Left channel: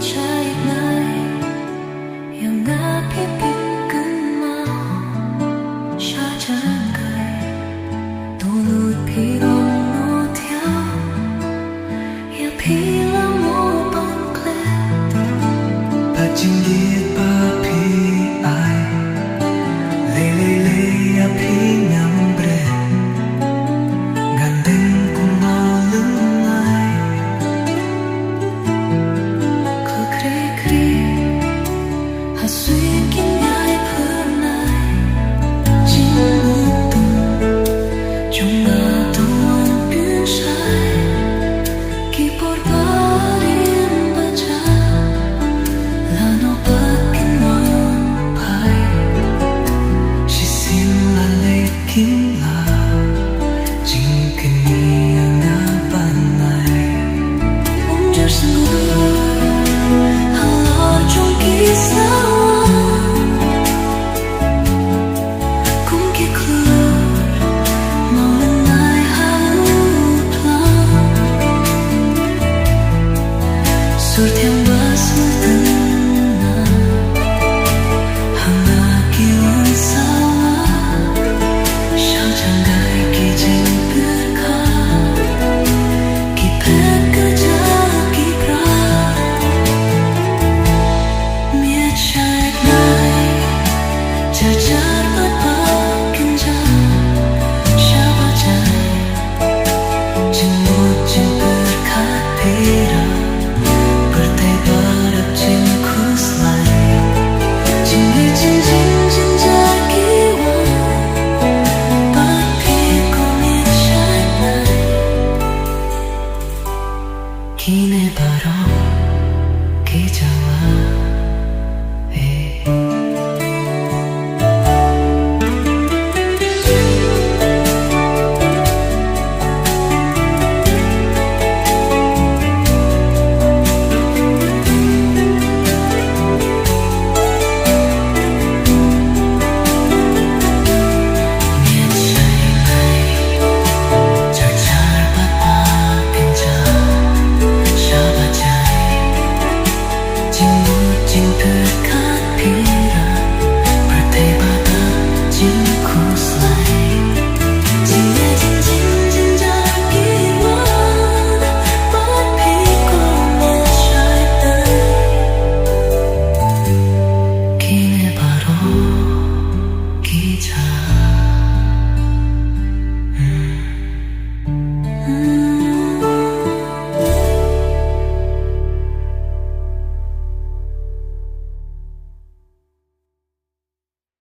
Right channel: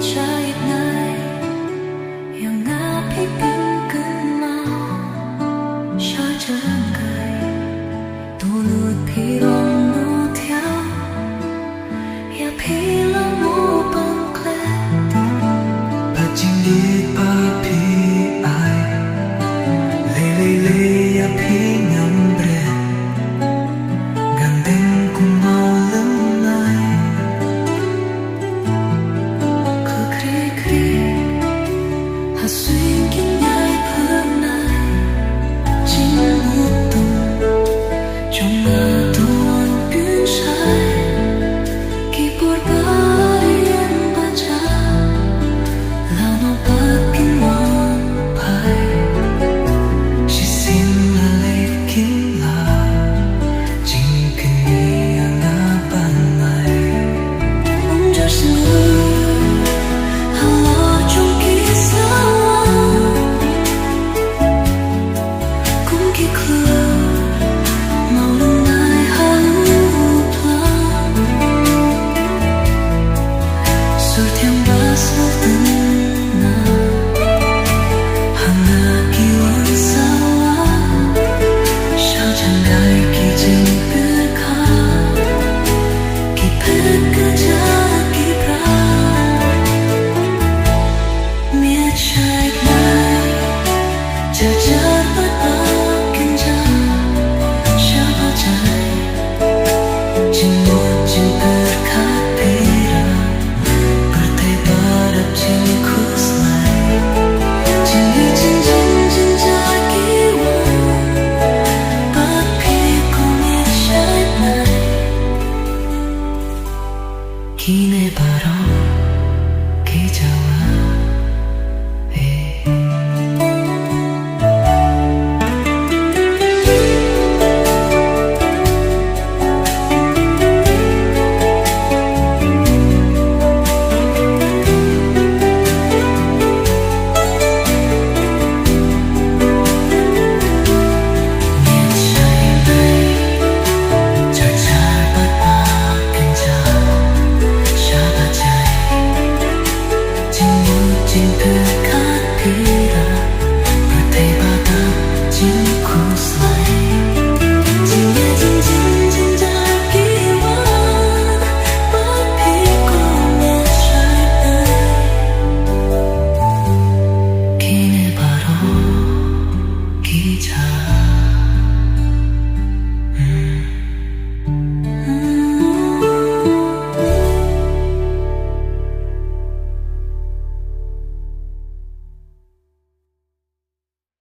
trai này yêu ngã phía bên cơn mau xa chân gầy tu lụt phía rong nô theo ya phía là mô bằng kle bà chinh liệt bà phía ai lê ya phía ngắm bre gandeng cùng ngao lưng ai cứ kri kri hà xuyên kín nhai phương này chính một tung trong ngã tuôn biến sai khi bor barien baca là nó bắt kinh ngon phải chỉ xin là lê kín là chính cái ni ngã ban này Unjar sungguh halor trong kisah cũng kia keluar mau lenai halu plan sur thiang basu tenang hanga kiwan sawa sao chẳng gai kỳ trình biết khá kỳ phép cứ cha kỳ pra miệt trái này chờ chờ bất ba kinh cha sao ba trái chinh một chinh biết khá pira bertai barap chinh khus lai chinh hi chinh chinh chinh trái kiwan bắt phi có miệt trái này Kine baro ki jawa Chinh biết khát pira bertai badak chinh khus lai